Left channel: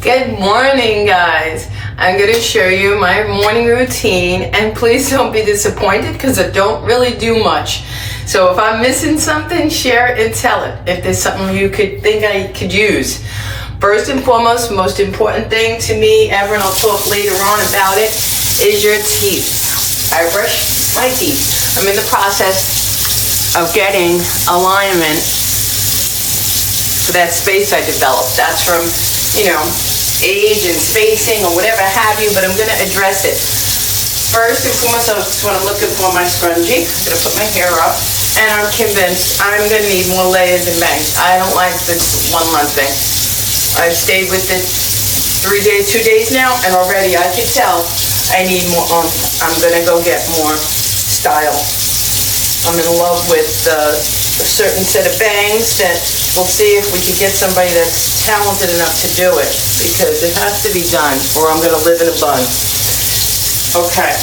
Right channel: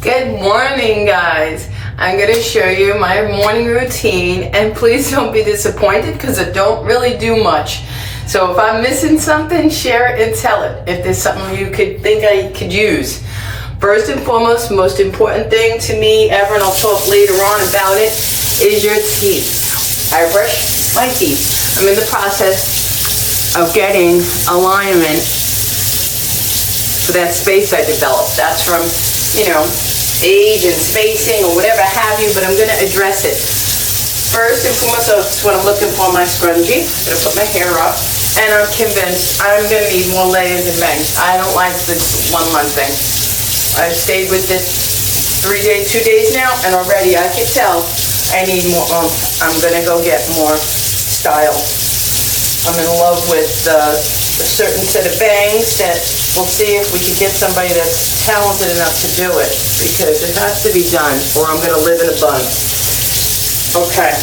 Good morning, guys. I'm going to show you my morning routine, and please don't be disappointed because I don't really do much. So if I'm missing something, share it and tell it if there's something you could think I could use. First and foremost, most important thing to me ever, and I'll talk later on about it, is your teeth. I brush my teeth. I'm in the process of getting alignment for that space I developed. That's from, age and spacing or whatever have you, but I'm going to address it. First and foremost, that's what I'm looking for, my scrunchie. I'm going to put my hair up, and I'm convinced I'm going to need more layers and bangs. I don't like this one month thing. I've stayed with it 2 days now, and already I can tell I need more. I'm going to go get more style. I'm in love with a certain set of bangs that we'll see if we can get somebody that's talented enough to do it, because it has to be done or I'm going to live in a bun. Okay.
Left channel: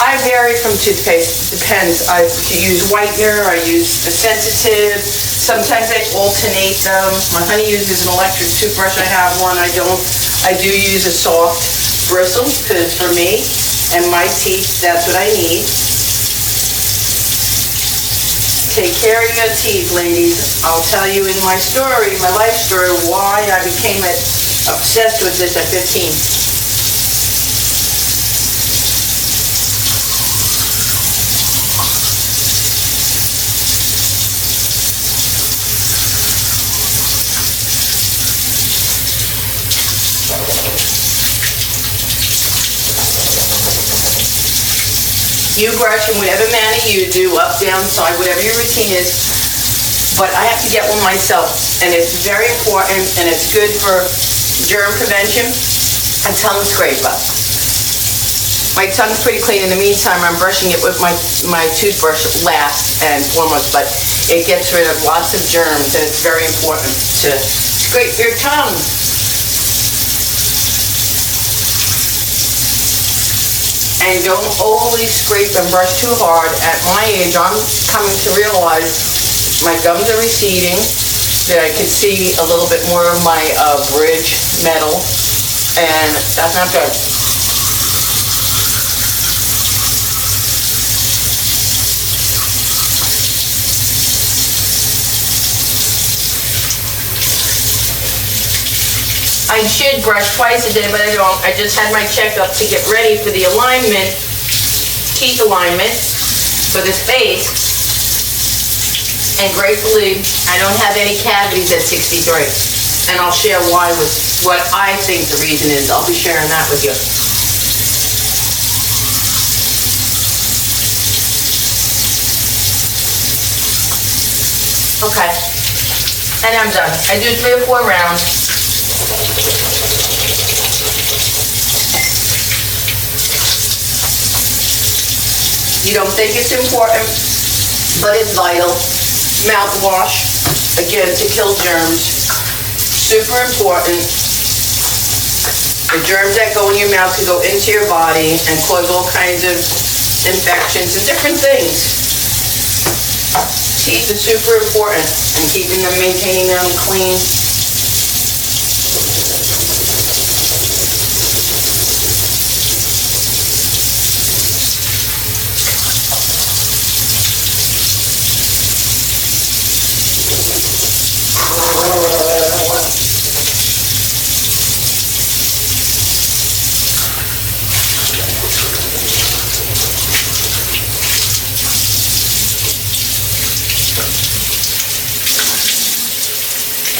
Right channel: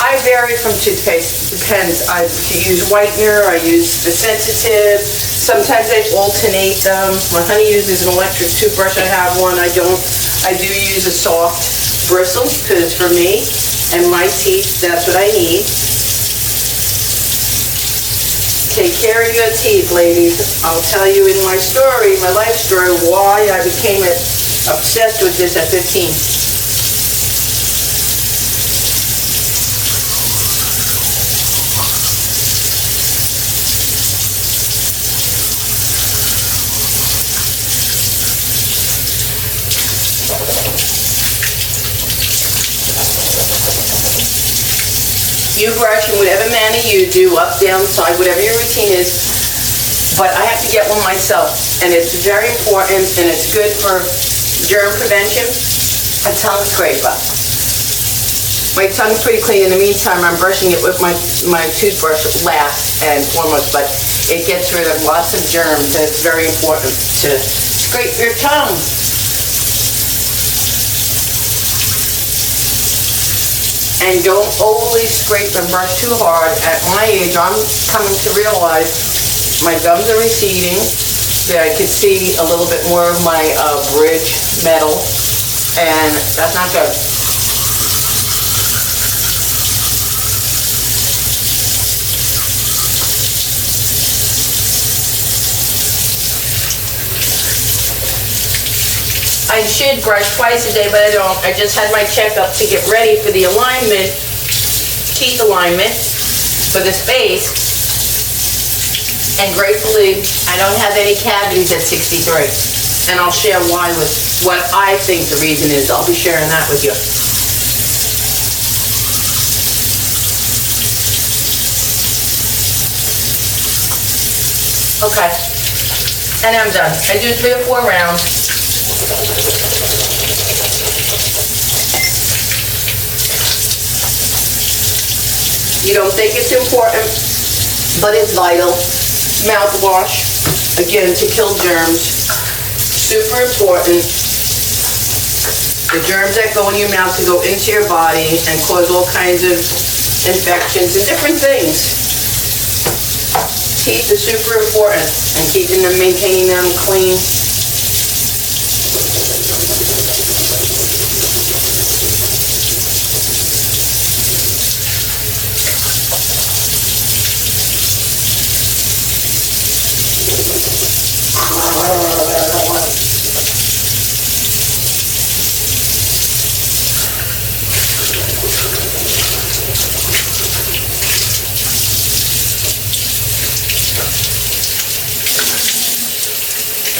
I vary from toothpaste. It depends. I use whitener. I use the sensitive. Sometimes I alternate them. My honey uses an electric toothbrush. I have one. I don't. I do use a soft bristle because for me and my teeth, that's what I need. Take care of your teeth, ladies. I'll tell you in my story, my life story, why I became obsessed with this at 15. You brush in whatever manner you do, up, down, side, whatever your routine is, but I have to get one myself, and it's very important, and it's good for germ prevention. A tongue scraper. My tongue's pretty clean. In the meantime, I'm brushing it with my toothbrush last and foremost, but it gets rid of lots of germs, and it's very important to scrape your tongue. And don't overly scrape and brush too hard. At my age, I'm coming to realize my gums are receding, that I could see a little bit more of my bridge metal, and that's not good. I should brush twice a day, but I don't. I just had my checkup to get ready for the alignment, teeth alignment for the space. And gratefully, I don't have any cavities at 63. And I'll share why with what I think the reason is. I'll be sharing that with you. Okay. And I'm done. I do 3 or 4 rounds. You don't think it's important, but it's vital. Mouthwash, again, to kill germs. Super important. The germs that go in your mouth can go into your body and cause all kinds of infections and different things. Teeth are super important, and keeping them, maintaining them clean.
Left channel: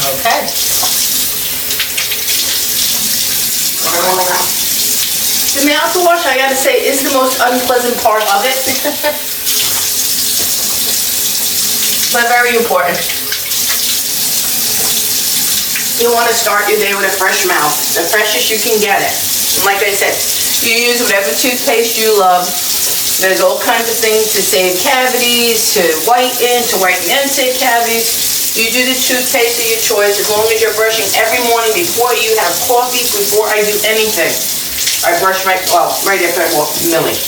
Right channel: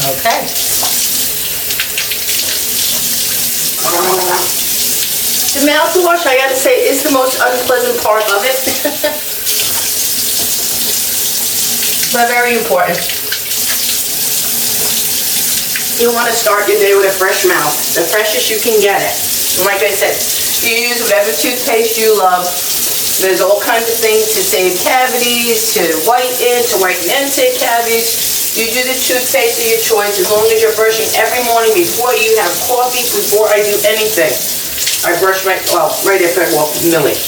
Okay. The mouthwash, I gotta say, is the most unpleasant part of it. But very important. You want to start your day with a fresh mouth, the freshest you can get it. And like I said, you use whatever toothpaste you love. There's all kinds of things to save cavities, to whiten inside cavities. You do the toothpaste of your choice as long as you're brushing every morning before you have coffee, before I do anything. I brush right after I walk with Millie.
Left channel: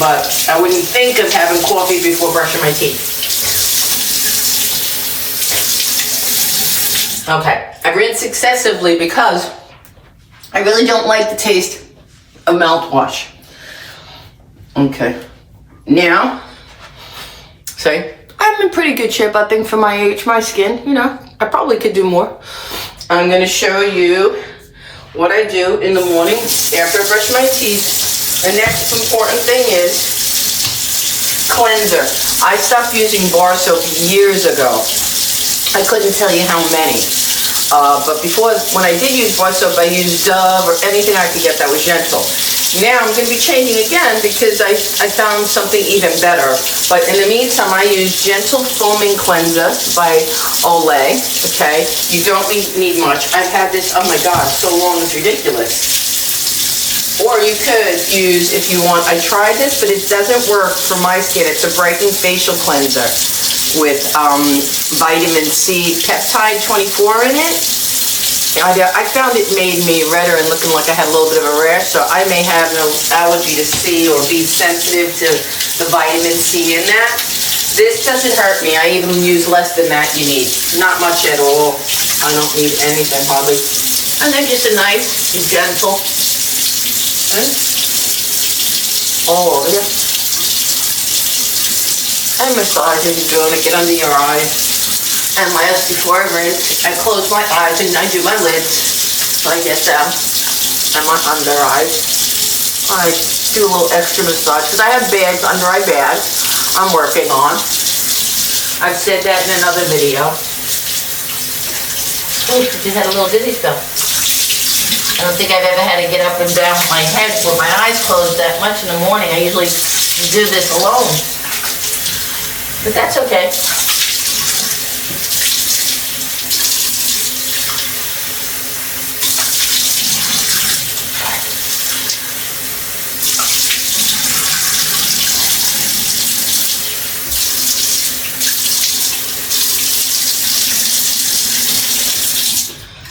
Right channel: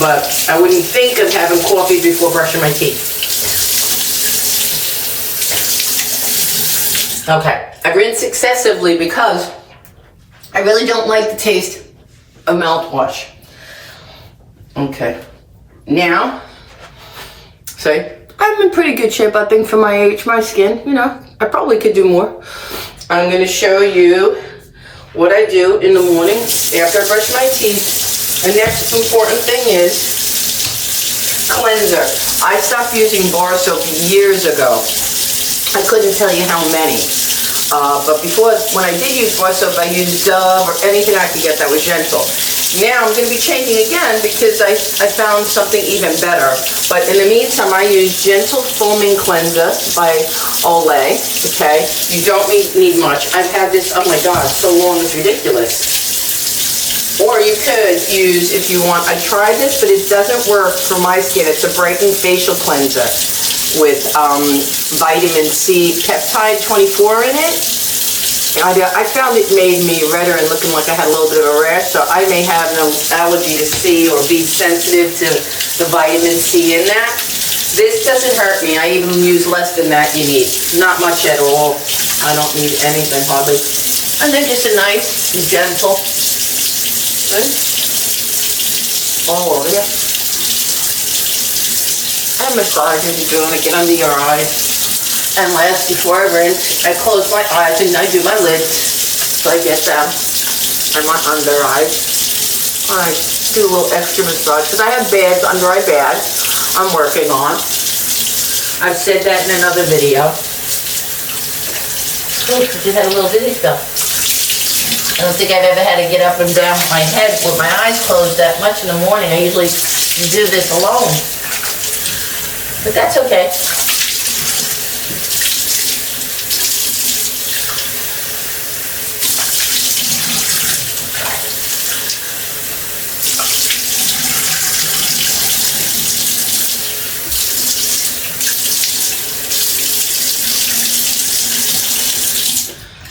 But I wouldn't think of having coffee before brushing my teeth. Okay, I rinse excessively because I really don't like the taste of mouthwash. Okay, now, see, I'm in pretty good shape, I think, for my age, my skin. You know, I probably could do more. I'm going to show you what I do in the morning after I brush my teeth. The next important thing is cleanser. I stopped using bar soap years ago. I couldn't tell you how many. But before, when I did use bar soap, I used Dove or anything I could get that was gentle. Now I'm going to be changing again because I found something even better. But in the meantime, I use Gentle Foaming Cleanser by Olay. Okay, you don't need much. I've had this, oh my God, so long it's ridiculous. Or you could use, if you want, I tried this, but it doesn't work for my skin. It's a brightening facial cleanser with vitamin C peptide 24 in it. I found it made me redder and looking like I had a little bit of a rash, so I may have an allergy to C or be sensitive to the vitamin C in that. This doesn't hurt me. I even use less than that you need. Not much at all. I don't need anything hardly. And then just a nice, gentle, right? All over you. And massage as you're doing it. Get under your eyes. And last, before I rinse, I close my eyes and I do my lids. So I get them. And my under eyes. I do a little extra massage because I have bags, under eye bags I'm working on. I've said that in another video. Oh, just had a little dizzy spell. I don't think I've ever had to get up and down my head with my eyes closed that much in the morning. I usually do this alone. But that's okay.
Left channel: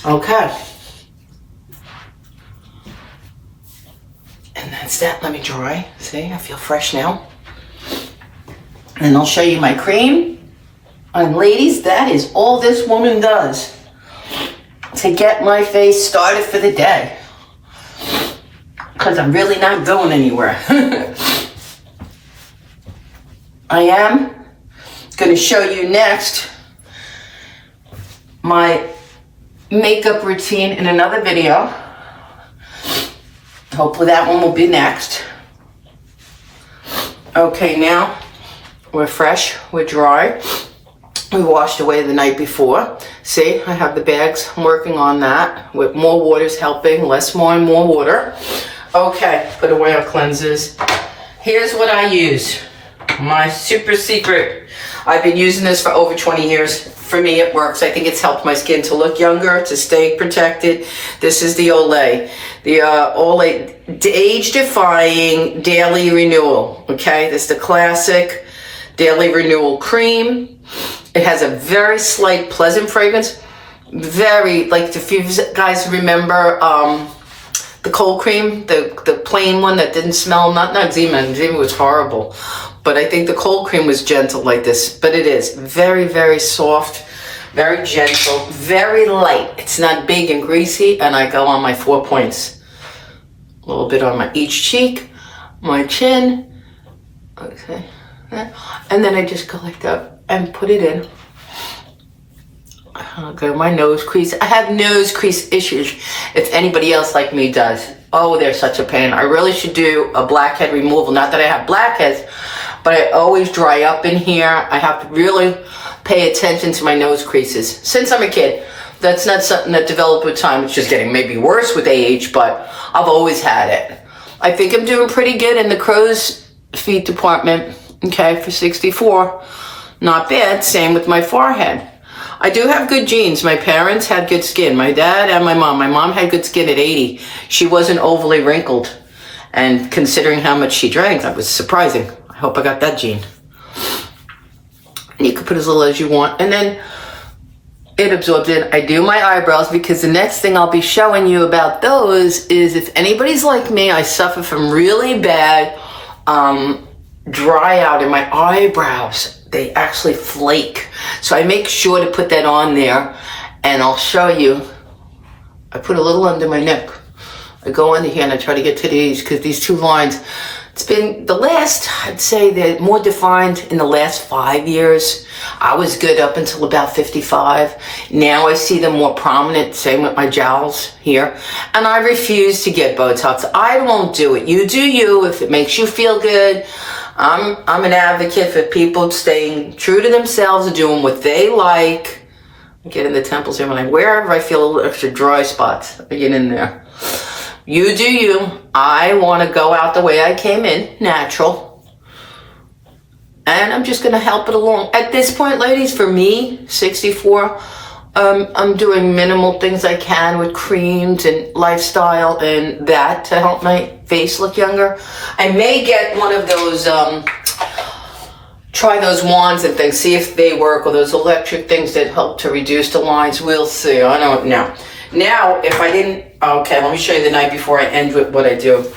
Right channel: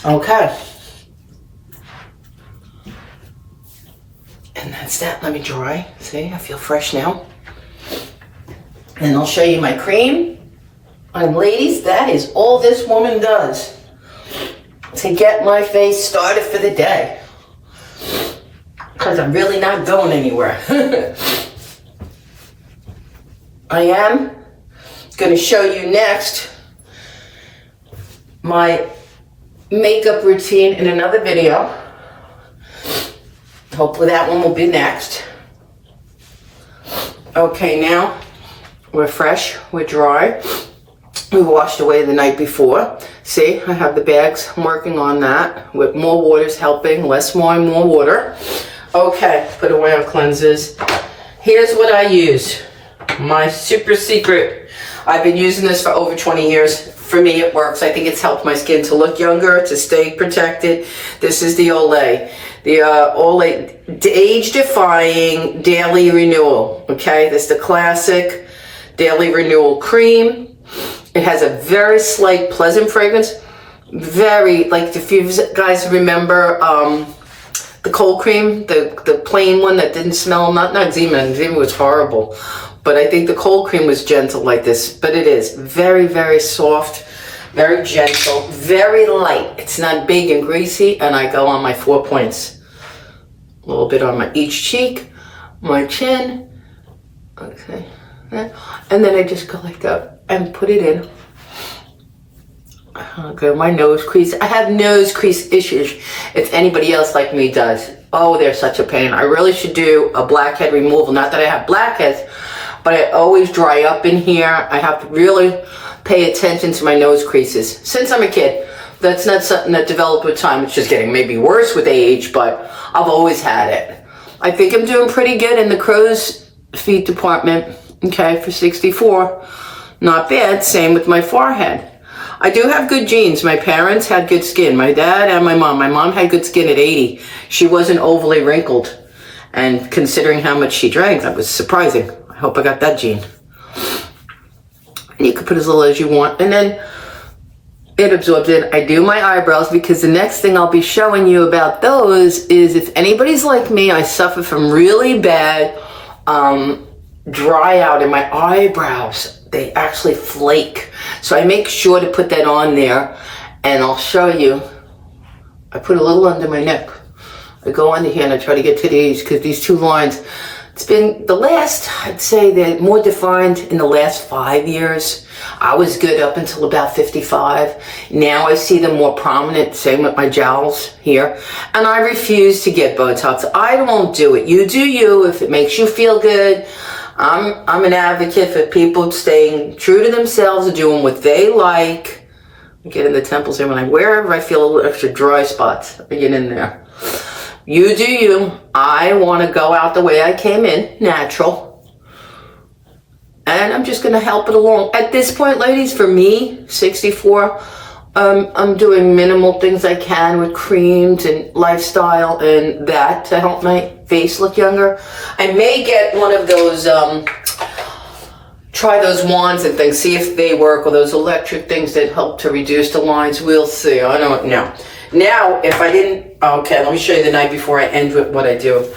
Okay. And that's that. Let me dry. See, I feel fresh now. And I'll show you my cream. And ladies, that is all this woman does to get my face started for the day. Because I'm really not going anywhere. I am going to show you next my makeup routine in another video. Hopefully that one will be next. Okay, now we're fresh, we're dry. We washed away the night before. See, I have the bags. I'm working on that. With more water's helping, less more and more water. Okay, put away our cleansers. Here's what I use. My super secret. I've been using this for over 20 years. For me, it works. I think it's helped my skin to look younger, to stay protected. This is the Olay. The Olay Age-Defying Daily Renewal. Okay, this is the classic Daily Renewal Cream. It has a very slight, pleasant fragrance. Very, like, if you guys remember the cold cream, the plain one that didn't smell, not Zima. Zima was horrible. But I think the cold cream was gentle like this. But it is very, very soft, very gentle, very light. It's not big and greasy. And I go on my 4 points. A little bit on each cheek, my chin. Okay. And then I just go like that and put it in. Okay, my nose crease. I have nose crease issues if anybody else like me does. Oh, they're such a pain. I really should do a blackhead removal. Not that I have blackheads, but I always dry up in here. I have to really pay attention to my nose creases. Since I'm a kid, that's not something that developed with time. It's just getting maybe worse with age, but I've always had it. I think I'm doing pretty good in the crow's feet department. Okay, for 64. Not bad. Same with my forehead. I do have good genes. My parents had good skin. My dad and my mom. My mom had good skin at 80. She wasn't overly wrinkled. And considering how much she drank, that was surprising. I hope I got that gene. And you can put as little as you want. And then it absorbs it. I do my eyebrows because the next thing I'll be showing you about those is if anybody's like me, I suffer from really bad dry out in my eyebrows. They actually flake. So I make sure to put that on there. And I'll show you, I put a little under my neck. I go under here and I try to get to these, because these two lines, it's been the last, I'd say they're more defined in the last 5 years. I was good up until about 55. Now I see them more prominent, same with my jowls here. And I refuse to get Botox. I won't do it. You do you if it makes you feel good. I'm an advocate for people staying true to themselves and doing what they like. I get in the temples here, wherever I feel a little extra dry spots, I get in there. You do you. I want to go out the way I came in, natural. And I'm just going to help it along. At this point, ladies, for me, 64, I'm doing minimal things I can with creams and lifestyle and that to help my face look younger. I may get one of those, try those wands and things, see if they work, or those electric things that help to reduce the lines. We'll see. I don't know. Now, if I didn't, okay, let me show you the night before I end with what I do.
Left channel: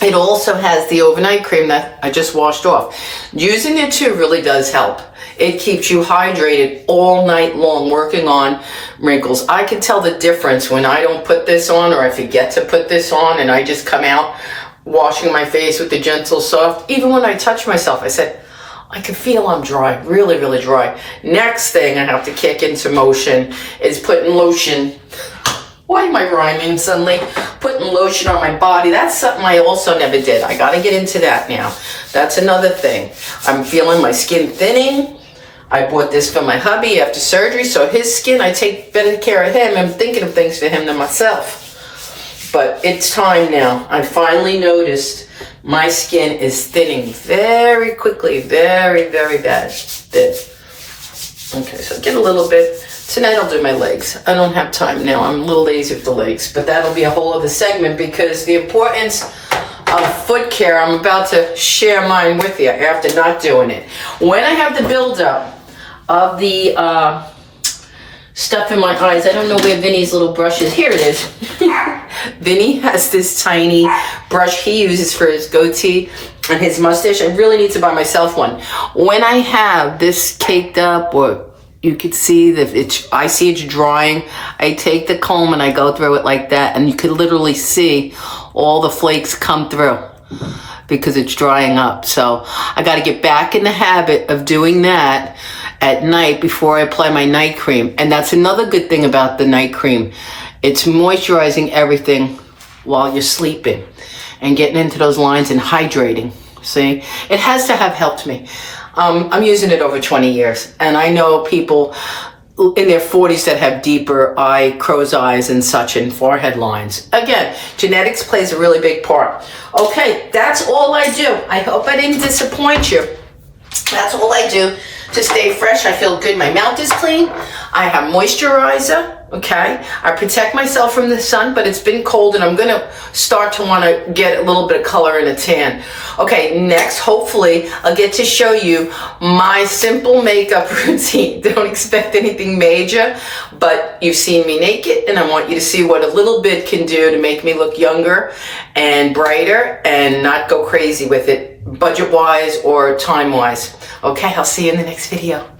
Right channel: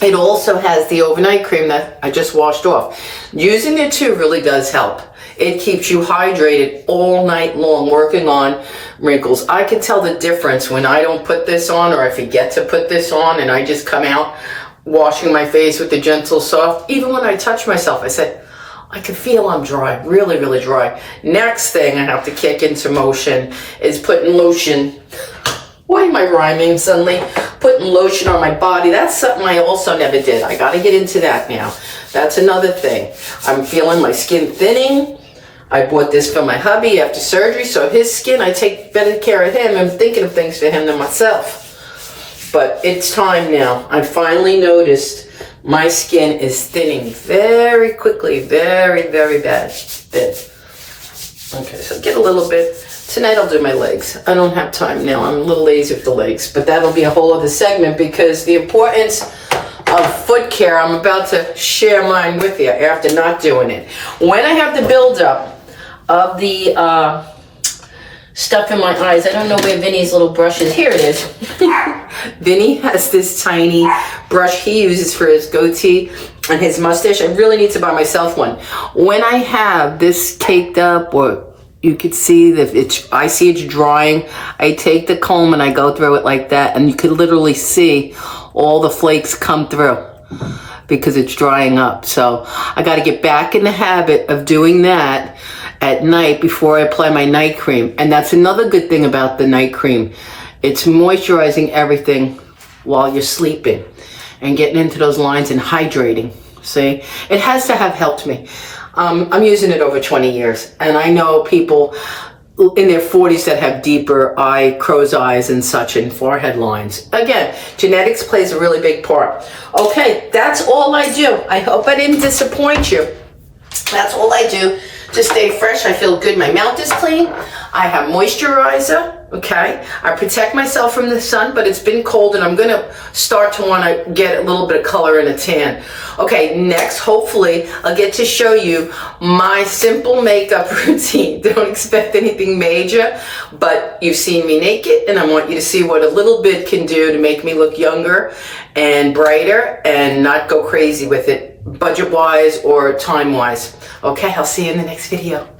It also has the overnight cream that I just washed off. Using it too really does help. It keeps you hydrated all night long, working on wrinkles. I can tell the difference when I don't put this on, or I forget to put this on, and I just come out washing my face with the gentle soft. Even when I touch myself, I say, I can feel I'm dry, really, really dry. Next thing I have to kick into motion is putting lotion. Why am I rhyming suddenly? Putting lotion on my body. That's something I also never did. I gotta get into that now. That's another thing. I'm feeling my skin thinning. I bought this for my hubby after surgery, so his skin, I take better care of him. I'm thinking of things for him than myself. But it's time now. I finally noticed my skin is thinning very quickly, very, very bad. Thin. Okay, so get a little bit. Tonight I'll do my legs. I don't have time now. I'm a little lazy with the legs, but that'll be a whole other segment, because the importance of foot care, I'm about to share mine with you after not doing it. When I have the buildup of the stuff in my eyes, I don't know where Vinny's little brush is. Here it is. Vinny has this tiny brush he uses for his goatee and his mustache. I really need to buy myself one. When I have this caked up, or you could see that I see it's drying, I take the comb and I go through it like that, and you could literally see all the flakes come through because it's drying up. So I got to get back in the habit of doing that at night before I apply my night cream. And that's another good thing about the night cream. It's moisturizing everything while you're sleeping and getting into those lines and hydrating. See, it has to have helped me. I'm using it over 20 years, and I know people in their 40s that have deeper crow's eyes and such, and forehead lines. Again, genetics plays a really big part. Okay, that's all I do. I hope I didn't disappoint you. That's all I do to stay fresh. I feel good. My mouth is clean. I have moisturizer. Okay, I protect myself from the sun, but it's been cold, and I'm gonna start to want to get a little bit of color and a tan. Okay, next, hopefully, I'll get to show you my simple makeup routine. Don't expect anything major, but you've seen me naked, and I want you to see what a little bit can do to make me look younger and brighter and not go crazy with it, budget-wise or time-wise. Okay, I'll see you in the next video.